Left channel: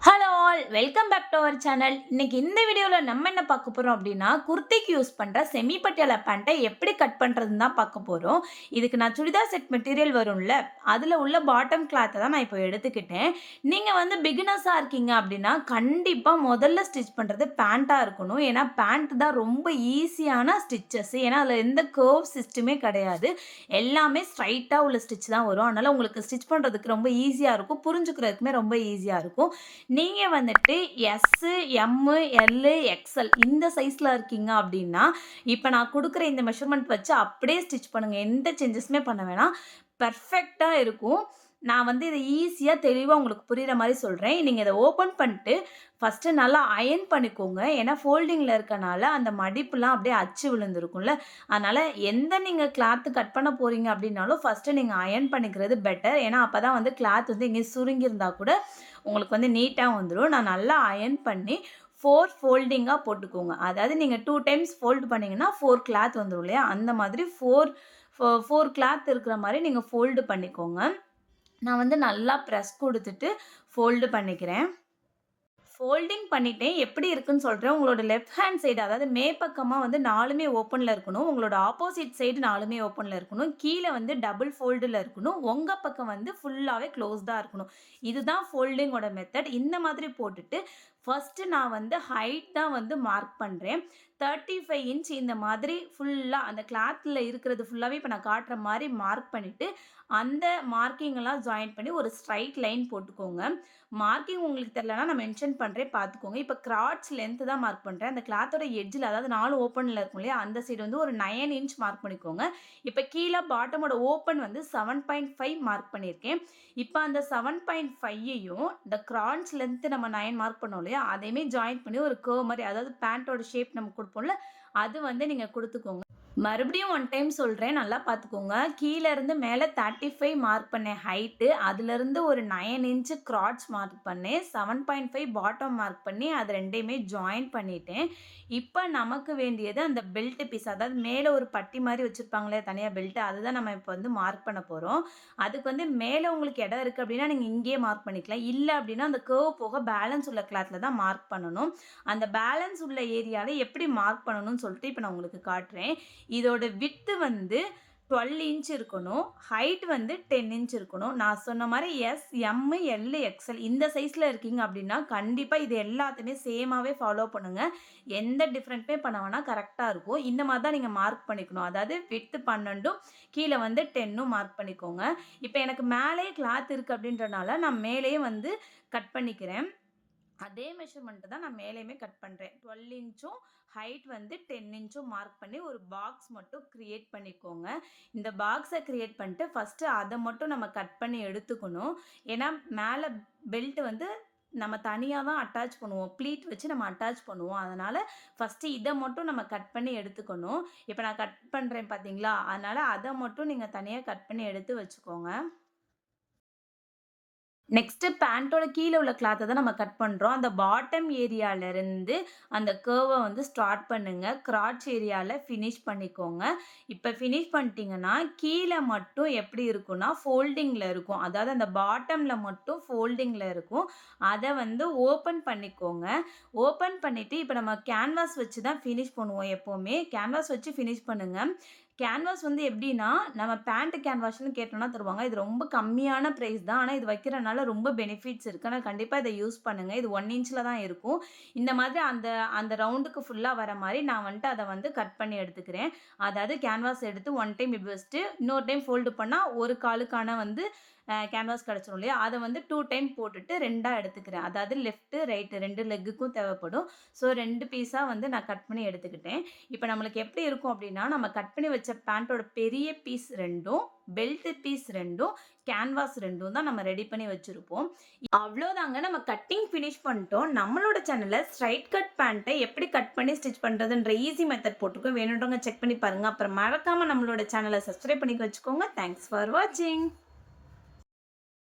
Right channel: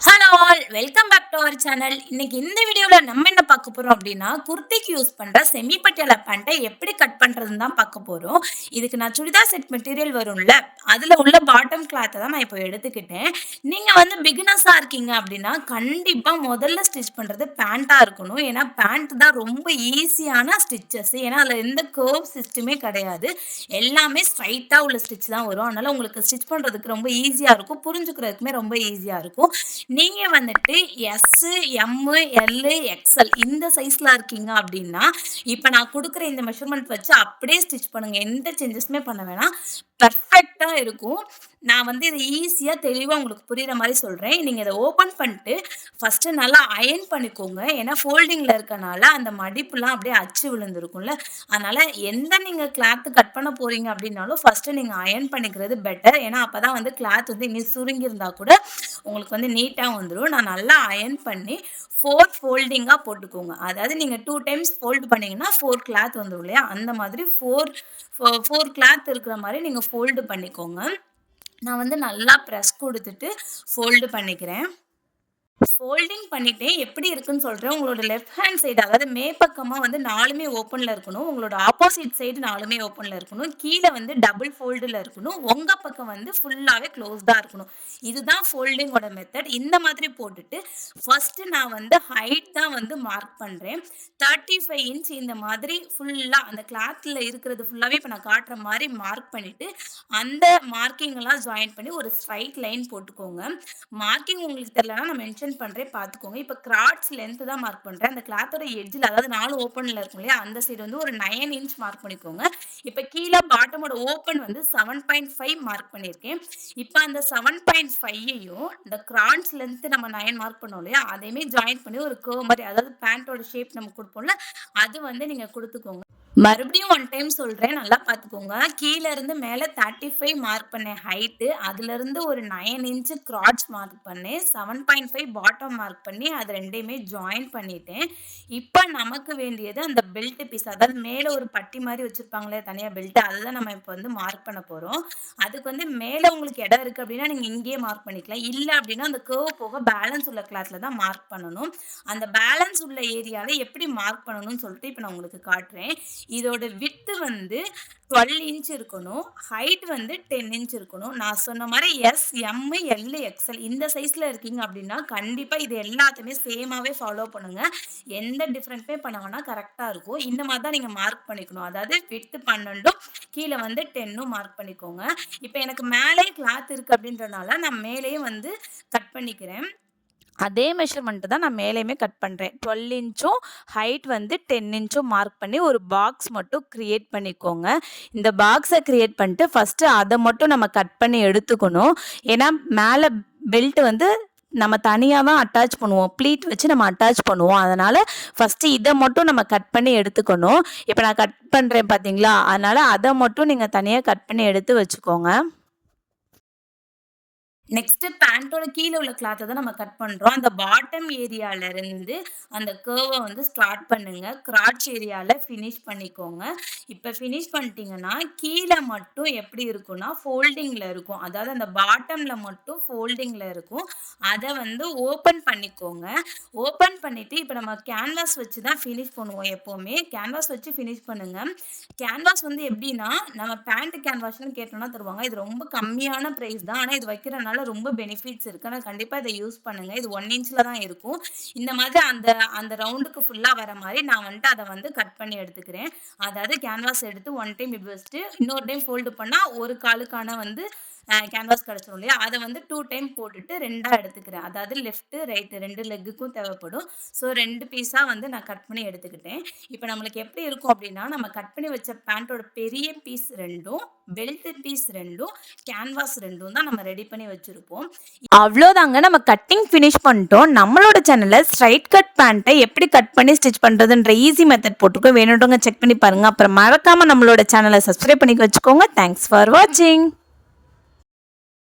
Hello all welcome back to our channel. இன்னைக்கு இந்த வீடியோவில் நம்ம என்ன பார்க்க போகிறோம் அப்படின்னா, குர்த்திக்கு யூஸ் பண்ணுற செமி பட்டியாலா பேண்ட்டை எப்படி கட் பண்ணுறதுன்னு தான் பார்க்க போகிறோம். இதுக்கு நான் சுடிதார் செட் மெட்டீரியல் வரும்ல, அதில் உள்ள பாட்டம் கிளாத்தை தான் நான் இப்போ எடுத்துக்கிட்டேன். நீங்கள் வந்து பிகினர்ஸாக இருக்கீங்க அப்படின்னா கண்டிப்பாக முதல்ல ஸ்டிச் பண்ணுறது பேண்ட்டாக இருக்கணும். ஏன்னா பேண்ட் தான் ரொம்ப ஈஸியான ஸ்டிச்சஸ். ஏன்னா அதில் எந்த கர்வ் சிஸ்டமே கிடையாது. எல்லாமே ஸ்ட்ரைட்டாக உள்ள ஸ்டிச் தான் வரும். அதனால் உங்களுக்கு ஸ்டிச் பண்ணுறதுக்கு ரொம்ப ஈஸியாக இருக்கும், புரிஞ்சுக்கிறதுக்குமே ரொம்ப ஈஸியாக இருக்கும். நீங்க வந்துட்டு எஸ், எம், எல், எக்ஸ்எல் இந்த சைஸ்ல இருக்கீங்க அப்படின்னா, இப்ப நான் குடுக்குற இந்த மெஷர்மென்ட் வச்சு அப்படியே ஸ்டிச் பண்ணுங்க. எந்த சேஞ்சஸுமே பண்ண வேணாம். பெர்ஃபெக்ட்டா இருக்கும். நான் வந்து இத ஈஸியா தெளிவா உங்களுக்கு புரியிற மாரி சொல்றேன். நீங்க இத ஓப்பன் பண்ணிட்டு ஃபர்ஸ்ட்டு நல்லா அயர்ன் பண்ணிக்கோங்க. ஏன்னா ஃபோல்டிங்ல இருக்கனால அந்த மடிப்புலாம் அப்படியே அச்சு விழுந்திருக்கும்ல. அதனால எந்த நீங்க கிளாத் கட் பண்ண போறீங்க அப்படின்னாலும் ஃபர்ஸ்ட்டு நீங்க அயர்ன் பண்ணிக்கிறது பெட்டர். ஏன்னா அப்பதான் வந்து கிளாத் வந்து எங்கேயும் சுருங்கியிருந்தா கூட உங்களுக்கு வந்து நீட்டா வந்துரும். நான் நல்லா அயர்ன் பண்ணி 4 ஃபோல்டிங்கா போட்டுக்கோங்க. அதாவது நீங்க 2 டைம்ஸ் ஃபோல்ட் பண்ணீங்கன்னா 4 கிளாத் வந்துரும் இல்லையா? அந்த மாதிரி 4 கிளாத் இருக்கிற மாரி நீங்க ஃபோல்டு பண்ணிக்கோங்க. நான் வந்து நல்லா பிரஸ் குடுத்துட்டு ஃபோல்டு பண்ணிக்கிறேன். ஃபோல்டிங் பண்ணிட்டேன். எப்படி இருக்குன்னு சொல்றேன். உங்களோட லெஃப்ட் ஹேண்ட் சைடு அதாவது மேற்பக்கமா வந்து 4மே ஓப்பன்ல இருக்கணும். உங்களோட ஆப்போசிட் சைடு 4மே ஓப்பன்ல இருக்கணும். கீழ வந்து டபுள் ஃபோல்டுல இருக்கணும். உங்க பக்கம் வந்து ஃபுல்லாவே க்ளோஸ்டா இருக்கணும். இதுதான் ஃபோல்டிங்கோட மெத்தட். இந்த மாதிரி போட்டுட்டு ஃபர்ஸ்ட்டு நான் வந்து ஹைட் தான் வந்து மார்க் பண்றேன். 35 இன்ச் இந்த மாதிரி ஃபுல்லா அந்த கிளாத்ல இருக்கிறது ஃபுல்லாவே இப்ப நான் காட்டுற மாரி மார்க் பண்ணிட்டு, அந்த மார்க்கிங் எல்லாம் ஜாயின் பண்ணி ஒரு ஸ்ட்ரைட் லைன் போட்டுக்கோங்க. மார்க்கிங் உங்களுக்கு தெரியலன்னா நான் மென்ஷன் பண்றேன் பார்த்துக்கோங்க. இப்ப கிராட்ச் லென்த் தான் மார்க் பண்றேன். அந்த கிளாத்தோட எட்ஜ்ல அதாவது 4 ஓப்பன்ல இருக்கும் இல்லையா? அந்த சைடு வந்து ஒரு 9 இன்ச் மார்க் பண்ணிக்கோங்க. இப்ப கீழ பாட்டமோட ஓப்பன் வந்து 7.5 மார்க் பண்ணியிருக்கேன். இப்ப அந்த 7.5யையும் இந்த கிராட்ச் லென்த் நம்ம 9 மார்க் பண்ணோம் இல்லையா? அதையுமே ஜாயின் பண்ணி ஒரு கர்வ் மாரி அதாவது பேண்டோட ஷேப் நம்ம குடுப்போம்ல, அது வந்து நீங்க குடுத்துக்கோங்க. மறுபடியும் ஒன் டைம் சொல்றேன். நல்லா பார்த்துக்கோங்க. கீழ இருந்து மேல 35 மார்க் பண்ணேன் ஹைட்டு. அதிலிருந்து ஒரு 9 இன்ச் கிராட்ச் மார்க் பண்ணேன். 7.5 பாட்டம் மார்க் பண்ணி அது 2யுமே ஜாயின் பண்ணிட்டேன். இப்ப நமக்கு வேண்டியது அந்த பெல்ட் பீஸ். அதாவது மேல ஒரு பட்டி மாரி வச்சிருப்பாங்களே தனியா பெல்ட். அதுதான் நம்ம இப்ப வந்து மார்க் பண்ண போறோம். அதுக்கு வந்து மேல உங்களுக்கு இடம் இருக்கு அப்டின்னா, நீங்க இங்கேயே மார்க் பண்ணிக்கலாம். இல்ல அப்டின்னா, அந்த கர்வ் போக பேலன்ஸ் உள்ள கிளாத்ல தான் மார்க் பண்ணணும். அந்த பேலன்ஸ் உள்ள ஏரியால எப்படி மார்க் பண்ணணும்னு சொல்லிட்டு இப்ப நான் உங்களுக்கு காட்டுறேன். இதோட விட்த் வந்து 12 இன்ச் இருக்கணும். ஹைட் வந்து 10 இன்ச் இருக்கணும். நான் சொன்ன மாரி எஸ், எம், எல், எக்ஸ்எல் இந்த சைஸ்ல இருக்கீங்க அப்டின்னா, கண்டிப்பா இது எல்லாத்தையுமே சேமாவே ஃபாலோ பண்ணுங்க. எந்த டிஃபரண்ட்டுமே பண்ண வேணாம். கரெக்ட்டா இருக்கும். இந்த மாரி தான் நீங்க மார்க் பண்ணிக்கணும். அதாவது விட்த் 12ம் கீழ வந்து 10ம் மார்க் பண்ணிக்கோங்க. இப்ப எனக்கு மேலேயே கிளாத் இருக்கு அப்டின்றனால, நான் மேலேயே வந்து கட் பண்ணிக்கிறேன். அதே மெஷர்மென்ட் தான் நான் மேலேயுமே கட் பண்றேன். 12 இன்ச்சும் ஹைட் வந்து 10 இன்ச்சும் மார்க் பண்ணி ஒரு பாக்ஸ் மட்டும் கிரியேட் பண்ணிக்கோங்க. இந்த பாக்ஸ கிரியேட் பண்ணிட்டு ஃபர்ஸ்ட்டு அத மட்டும் நம்ம கட் பண்ணி எடுத்துக்கணும். ஏன்னா மேல பெல்ட் வந்து நம்ம தனியா தான் அட்டாச் பண்ணுவோம். ப்ளீட் வச்சு நம்ம அட்டாச் பண்ணுவோம். அதனால ஃபர்ஸ்ட்டு இத மட்டும் நம்ம கட் பண்ணி எடுத்துக்கணும். இப்ப நான் கட் பண்றேன் பார்த்தீங்களா? அதனால அத மட்டும் நீங்க தனியா கட் பண்ணி எடுத்து வச்சுக்கோங்க. நெக்ஸ்ட்டு பேண்டோட கீழ உள்ள கிளாத்த தான் நம்ம கட் பண்றோம். அந்த பாட்டம் ஏரியால இருந்து அந்த கர்வ வந்து ஸ்டார்ட் பண்ணுங்க. கிராட்ச் ஏரியால ஃபினிஷ் பண்ணிக்கோங்க. இப்ப ஃபினிஷ் பண்ணிட்டீங்கன்னா, கீழ மட்டும் எப்படி இருக்கும்னா, ஃபோல்டிங்ல இருக்கும். அதாவது அந்த பாட்டம்ல மட்டும் ஃபோல்டிங்ல இருக்கும். அத வந்து ஓப்பன் பண்ணிக்கோங்க. ஓப்பன் பண்ணிட்டு இப்ப நம்ம கேன்வாஸ் வச்சு தான் ஃபினிஷ் பண்ணுவோம் எப்பவுமே. கேன்வாஸ் வச்சு ஃபினிஷ் பண்ணுங்க. கேன்வாஸ் வந்து எப்படின்னா, நம்ம பேண்ட் கேன்வாஸ்ன்னு கேட்டோம்னா தருவாங்க. இது ரொம்ப கம்மியான பிரைஸ் தான். ஆனா இது வைக்கிறனால ரொம்ப பெனிஃபிட்ஸ் இருக்கு. ஆனா கண்டிப்பா இத யூஸ் பண்ணுங்க. இது 1 இன்ச்ல தான் இருக்கும். இந்த மாதிரி அந்த அந்த ரவுண்டுக்கு ஃபுல்லா வர மாரி நான் வந்துட்டு அத வந்து கட் பண்ணி எடுத்துக்கிறேன். அதாவது கேன்வாஸ் எடுத்து 1 டைம் இப்படி வச்சுட்டு, இன்னொரு டைம் ஃபோல்டு பண்ணா ஒரு காலுக்கான வந்து கேன்வாஸ் கிடைச்சிரும் இல்லையா? அத வந்து 2 டைம் போட்டுட்டு 2ஆ எடுத்துக்கிறேன். அதாவது லெஃப்ட், ரைட் 2 லெக்குக்கும் தேவைப்படும். ஸோ 2 பீஸா வந்து நான் கட் பண்ணி எடுத்துக்கிட்டேன். இப்ப நம்மளுக்கு எப்படி இருக்கும் அப்படின்னா, நம்ம கட் பண்ணி வச்ச பேண்டோட பெரிய பீஸ் 2ம், பெல்ட் பீஸ் 2ம், கேன்வாஸ் 2ம் தான் நம்ம ரெடி பண்ணி வச்சிருப்போம். அவ்ளோதாங்க. நம்ம கட்டிங் ஃபினிஷ் பண்ணிட்டோம். நம்மளோட சேனல்ல ஸ்ட்ரைட் கட் பேண்ட்ட எப்படி கட் பண்ணி ஸ்டிச் பண்றதுன்ற ஈஸி மெத்தட் போட்டிருக்கோம். வேணுன்றவங்க செக் பண்ணி பாருங்க. அப்புறம் மறக்காம நம்மளோட சேனல சப்ஸ்கிரைப் பண்ணி வச்சுக்கோங்க. தேங்க்ஸ் ஃபார் வாட்சிங்.